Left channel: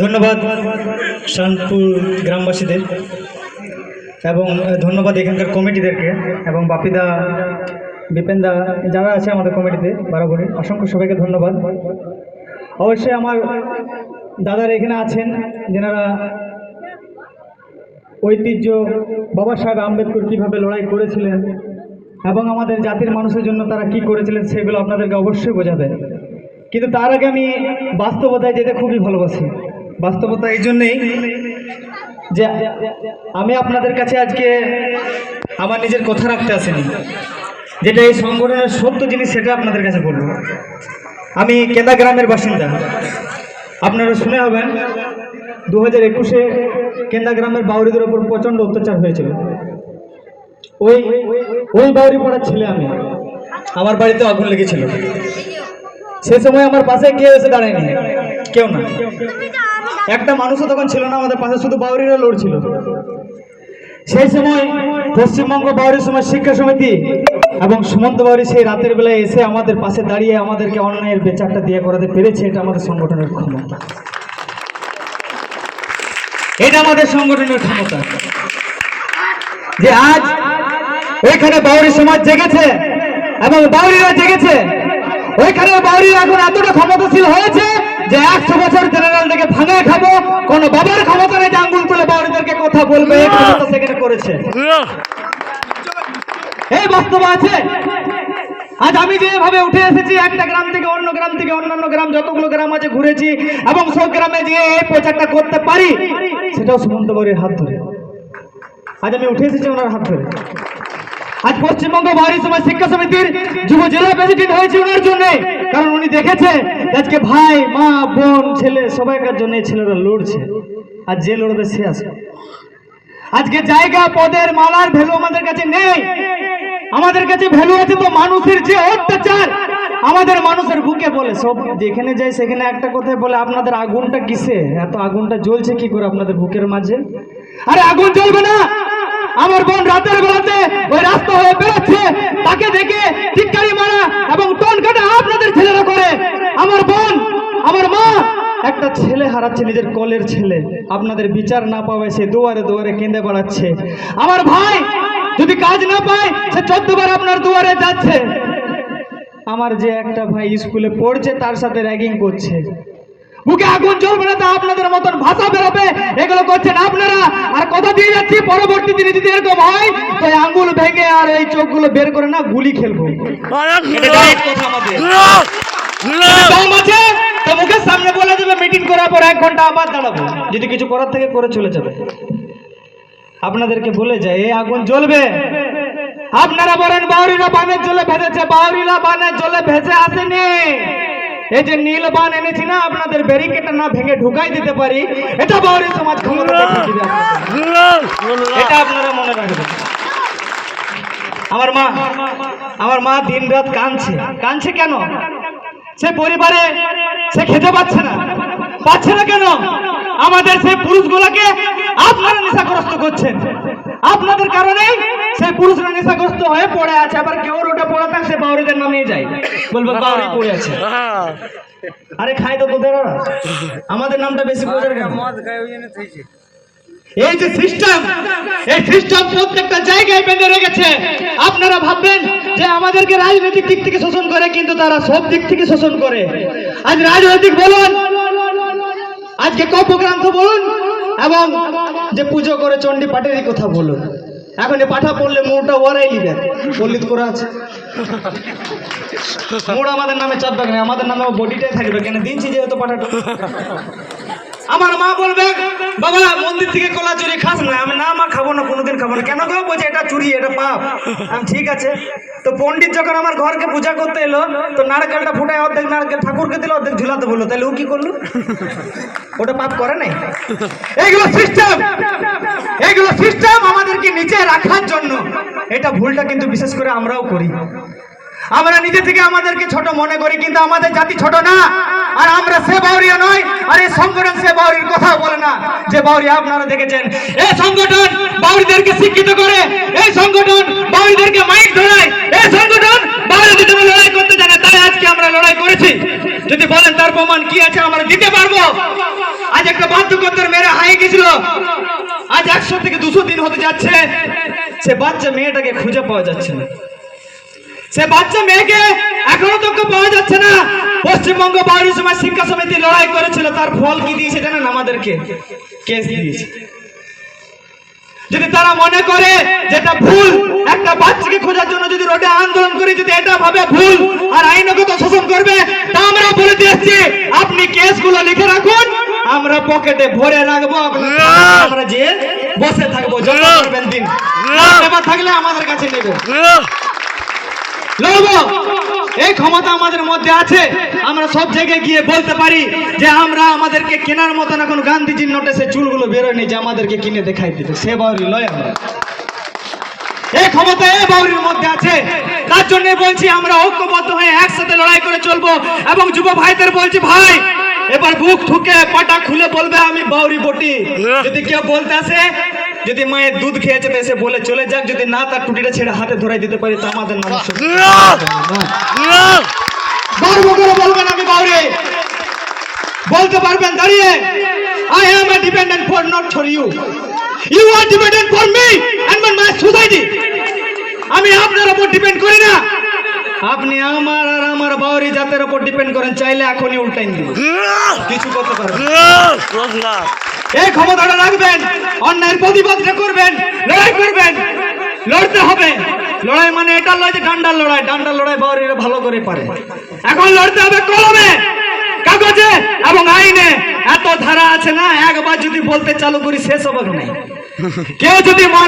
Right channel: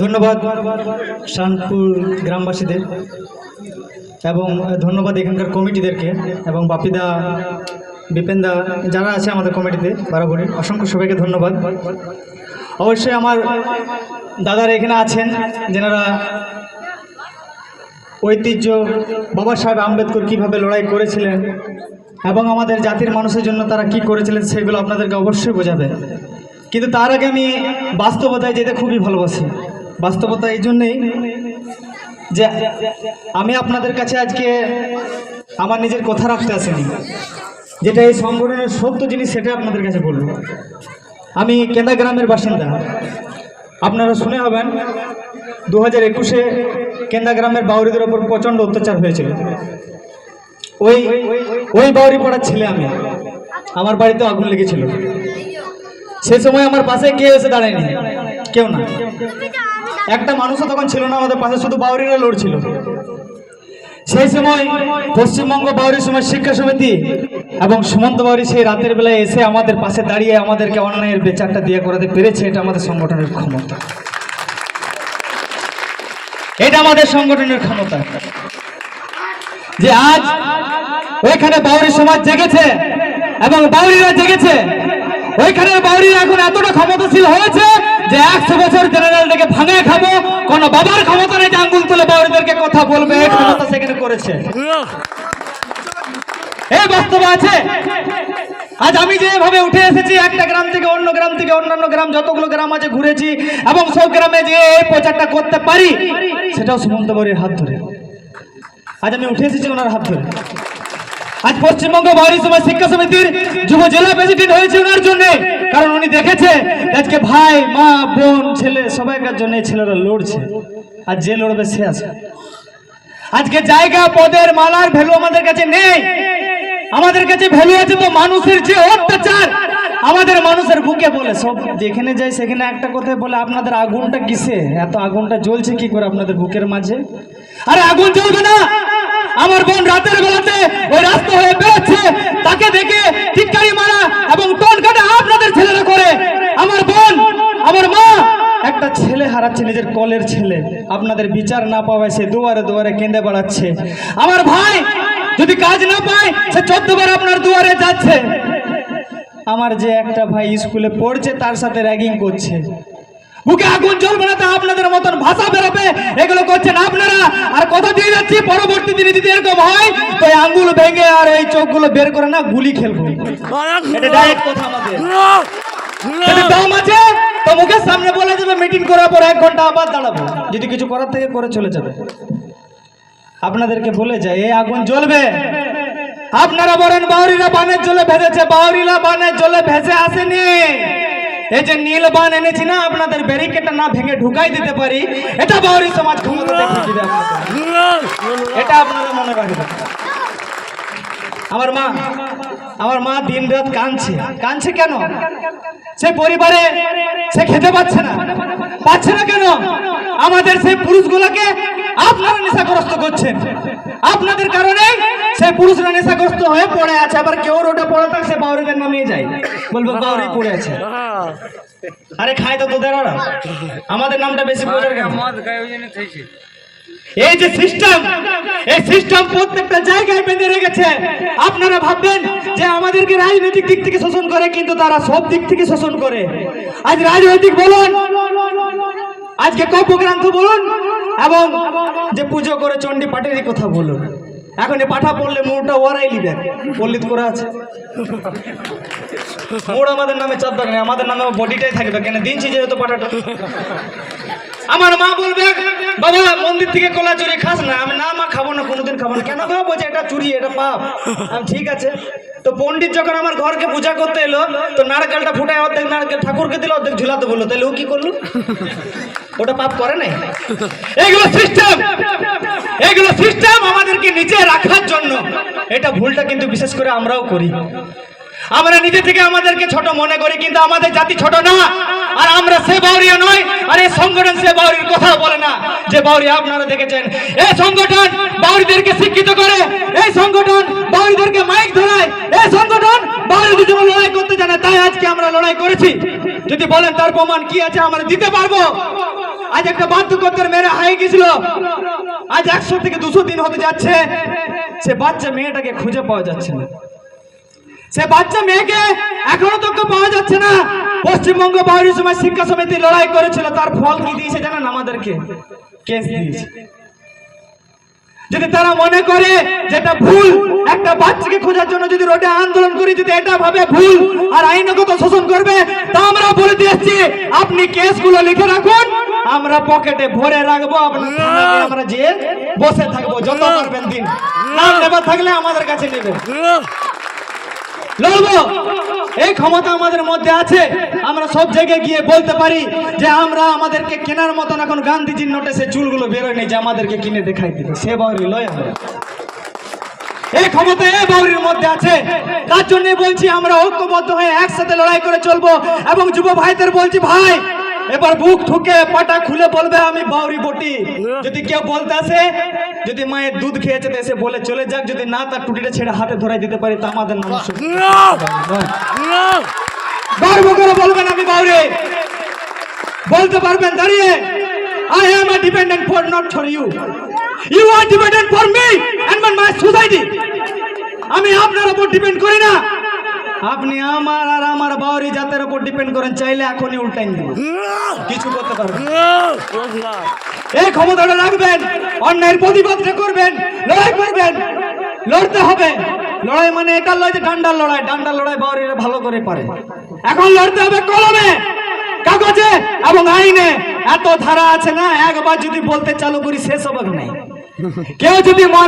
ধন্যবাদ শানপুর গ্রামবাসীদের এবং ধন্যবাদ এখানকার কমিটিদেরকে এবং বাপিদা, বিপেনদা যারা আছে আমাদের কমিটিতে বারাবরী অসংখ্য সবাইকে ধন্যবাদ। অবশ্যই আমার দাদারা এখানে আছেন, যেনারা ঐতিহ্য, বাবা সাহেব আম্বেদকর কীভাবে লড়াই করেছিলেন এবং আমাদের জাতির মানুষের জন্য তারা কি করেছিলেন সেগুলো আপনাদেরকে অবশ্যই বোঝাবে। কিন্তু তার আগে আমি বাস্তবতায় যেতে খুবই ভালোবাসি। বাস্তবতা এই জন্যেই যে আমি আপনাদের কাছে আজকে আমার নিজের কথা রাখতে আসিনি, যেটা এই সংগঠনের সত্য জিনিস সেটা আপনাদের কাছে বলব। আমি কেন্দা গ্রামের বাসিন্দা। আপনারা শুনে হবেন দু হাজার একুশে কেন্দা গ্রামের বাউরিদের ওপর প্রচণ্ড অত্যাচার হয়েছিল। ওই ওই বাউরি পড়ার ছেলে আমি। আমার বাড়িতে আগুন লেগেছিল। সে সময় আমার পাশে কেউ এসে দাঁড়ায়নি? কেউ না। একটা মানুষও তখন ছিল না, আমাদের পাশে শুধু বাউরিরা লড়ছিল। সেই সময় পশ্চিমবঙ্গ বাউরি সমাজ শিক্ষা সমিতি এবং সুমন্ত বাউরি সেই রাতের বেলায় এসে আমাদের পাশে দাঁড়িয়ে আমাদেরকে অন্যায়ের বিচারটা দিয়ে করাতে পেরেছে, এটা আমাদের সংগঠনের ক্ষমতা। এটা আমাদের সংগঠনের ক্ষমতা। যে আজ ওইখানে বাউরি সমাজ জেগেছে এবং বাউরিরা জেগেছে, ওইখানে বাউরিরা এখন এতটা ক্ষমতাশীল হয়েছে যে একশো বছর জেনারেল থেকে ভাঙায় খাব কোন বাবার ক্ষমতা নেই আঙ্গুল তুলে বাউরিদেরকে কথা বলবে ক্ষমতা সেখানে করেছে। এই বাস্তব আছে। আজ আমি যেভাবে উঠে এসেছি একটা গ্রাম থেকে অন্য গ্রাম থেকে অন্যান্য গ্রাম যতগুলো গ্রাম আছে ঘুরেছি এবং সব গ্রামে যে এই প্রচারটা করতে পারি সেটাও সুমন্ত বরির হাত ধরে। আজ আমি উঠে এসেছি ওনার হাত ধরে। আজ পশ্চিমবঙ্গ বাহারি সমাজ শিক্ষা সমিতির যুব জেলা প্রেসিডেন্ট হয়েছে ওনার জন্য। কারণ উনি দেখেছে আজকে ভাই, মা, বোন, ছেলে সবাইকার জন্য ছেলেরা লড়ছে। আর যে লড়বে সে আছে। আজকে জায়গা, পদের মালার ভ্যালু আমাদের কাছে নেই। আমাদের কাছে ভ্যালু আছে তো মানুষের যে অত্যাচার, আমাদের মানুষের বুকে বলে। সব যেখানে যাই, সেখানে একটা কথাই বলে, আপনাদের আগুনটা কিসে? এত আগুনটা জ্বলছে কি করে আপনাদের বুকের মাঝে? আরে আগুন জ্বলবে না! আমার বোন রাতের বেলাতে ওই রাস্তা হয়ে তাকে দেখে চিৎকারি মারা এবং কাটা আপনাদের ছেলেরা করে। আমার বোন, আমার মা, একটা ছেলে হারাচ্ছে, নিজের কলের ছেলে। আপনাদের বিচার না পাওয়ায় সে দুয়ারে দুয়ারে কেঁদে বেড়াচ্ছে। আমার ভাই, যদি কাজ না পায়, সে চোদ্দবার আপনার দুয়ারে যাচ্ছে। আমার যে একটা ভাই স্কুলে পড়ছে, তার সাথে র্যাগিং করছে। বুকে আগুন জ্বলবে না তা আপনাদের মতন ভাষা বেরোবে। এগুলো করছেন আপনারা। কথা দিয়ে যাচ্ছি পরবর্তী দিনে যদি এরকম হয় তো আঙ্গুল ভেঙে আর এই চোখগুলো বের করে না গুলি খেলব। দম আছে তো মুখের সামনে বলে যাবে মিটিং করার পর এক ঘণ্টা আবার দাঁড়াবো। যদি কিছু করার থেকে করে চলে যাবে। আপনাদেরকে বলে যায় এই আগুন জ্বলবে। আপনারা বলেন বাউরিরা বানের জলে ভেজেছে বাউরিরা বানের জলে ভেসে আসেনি। এই যে নীল বান এনেছি না আপনাদের ব্যারিকেডটা না ভেঙে ঢুকাই দিতে পারি। এটা বাউরি সমাজ। এটা আপনারা মনে রাখবেন। আমার মা আমার মা দিন রাত কাঁদছে। কাঁদছে কেন? সে পরিবারে সে খেতে পাচ্ছে না। পাচ্ছে না কেন? আমাদের সেই পুরুষগুলোকে আপনারা নেশাগ্রস্ত করছেন। আপনাদের কারণে সেই পুরুষরা নেশাগ্রস্ত হয়ে পড়ে আছে, আবার কেউ রোডে পড়ে থাকে, সে বাউরিদের নামে যায়। বলব বাউরি পড়ে আছে। আরে খায় তো তোদের। আমাদের নামটা বেশি বোঝার কেন? এই যে সিস্টেম এই সিস্টেম প্রত্যেকটা জায়গায় বেঁধে রেখেছে। আপনারা ভাববেন যে আমাদেরকে রাজনৈতিক দিক থেকে শোষণ করে, কিন্তু তারা সব দিক থেকে শোষণ করে। আজ রাজনৈতিক বলুন, আজকে কপগ্রান্ত বলুন, এবং যে পুজো করে চণ্ডী পাঠেরই কথা বলো। এখন এ পাঠা পড়লে মোড়টা ওরাই নিবে। পল্লিত করা আছে। মোড় আমাদের নামে চাপ দেবে আমাদের নামে বডিটাই থাকবে, কেন দিনছি যেহেতু পাঠাটা। আমার মা বলবে বাবা, মন্দির থেকে কলা চুরি খাস না, আমি না, মা খাব না, কোনোদিন খাব না। কেন গো? বলছে, এটা চুরি, এটা পাপ। ঠিক আছে। তো পণ্ডিত যখন আমার ঘরকে পূজা করতে এলো, তো নারকেলটা ফুটে অর্ধেক নারকেল ঠাকুরকে দিল অর্ধেক ঝুলাতে বলল। তাহলে ও কি করল? ওটা পাপ করে নাই? এইগুলো সিস্টেম এইগুলো সিস্টেম আমাদেরকে নিচে রাখার জন্য। এটা ভুলটা কিন্তু বিশেষ করে আমরাও করি। আমরা নিজে থেকে আমাদেরকে ছোট মনে করি, কিন্তু আমাদের জাতি ছোট না। আর আমরা সে বাউরিয়া নয় আর এই সংগঠন সে বাউরির কথা বলে না। যে বাউরি আপনারা দেখেছেন, এই সংগঠন বাউরিদেরকে শিক্ষিত করে, এই সংগঠন বাউরিদেরকে মাইক ধরায়, এই সংগঠন বাউরিদের জন্য লড়াই করতে জানে, তাই আজকে আমরা লড়াই করেছি। যদি বলেন তার প্রমাণ কি আছে, আমরা দিতে পারব। আজ একটা বাধ্যকর্তার মেরে হারিয়ে গেছিল। আজ একশো থেকে দুশো দিন হতে যাচ্ছে। সে বাচ্চা মেয়েটাকে খুঁজে পাওয়া যাচ্ছে না। সে বাচ্চা মেয়েকে এখনও তো পাওয়া যাচ্ছে না। পশ্চিমবঙ্গ বাউরি সমাজ শিক্ষা সমিতি লড়াই করেছিল তার ফল কি দিয়েছে জানেন আমাদেরকে? কেস দিয়েছে। যদি তারা মনে করে যেটা ভুল একটা বাচ্চাকে খোঁজার জন্য যদি রোডে আন্দোলন করে যদি এটা ভাবে ভুল আর আইনগত শোষণ করবে তা আমরা বলে দিয়েছি আপনি কেসগুলো লিখে রাখুন আমরা পকেটে ভরে রাখব আমরা যে বসে থাকব করবেন দিন। থাকলে আমাদের কাছে নেবে। লড়বো। এই ক্ষমতা আমাদের মধ্যে আছে। আমরা সব জায়গায় গিয়ে বলতে পারি যে আমরা আমাদেরকে কেনার মতন এখন গান্ধীজির নোটে সে চুলগুলো বেরোয়নি যে আমাদেরকে কিনে দেখাই দিতে সে বাউরি লয় আমরা। এই ক্ষমতা এই বাউরির মধ্যে আছে। তার জন্য বলছি আমরা ঐক্যবদ্ধ হয়ে একসাথে লড়াই করে চলবো এবং যুব ভাইদের বলছি, ভাই এবার বুক ঠুকে পাটা খুলে বলবে আমি বাউরি বটি। যদি কেউ বলতে আসে যদি মায়ের দুধ খেয়েছে তো এসে বলে চলে যাক। যদি না তার টুটিটা ছেড়ে হাতে ধরাই দিতে পারি তা আমাদের মানুষ গর্ব করে বলবেন আমি বাউরি। বলতে পারবেন দাঁড়িয়ে। I am a dependent for not for you you are dependent for me and my society আমি আপনার উপর ডিপেন্ড করি না। আপনি আমার আর আমার বাউরি জাতের উপর ডিপেন্ড করেন, চাইলে এখনই উল্টাইন দিন কিছু করতে পারবেন এই ক্ষমতাটা রাখবেন, অন্যায়ের প্রতিবাদটা করবেন, লড়াই করবেন, লড়তে হবে। লড়াই মানে এটা লড়াই ডান্ডার লড়াই ডান্ডার লড়াই বাউরিরা ভালো করে পারে। এখন লড়তে হবে কলমে, কাগজে এবং আইনে। এত ধারা আছে না, একবার যদি বলতে চালু করি, শেষ হবে না। কেউ যদি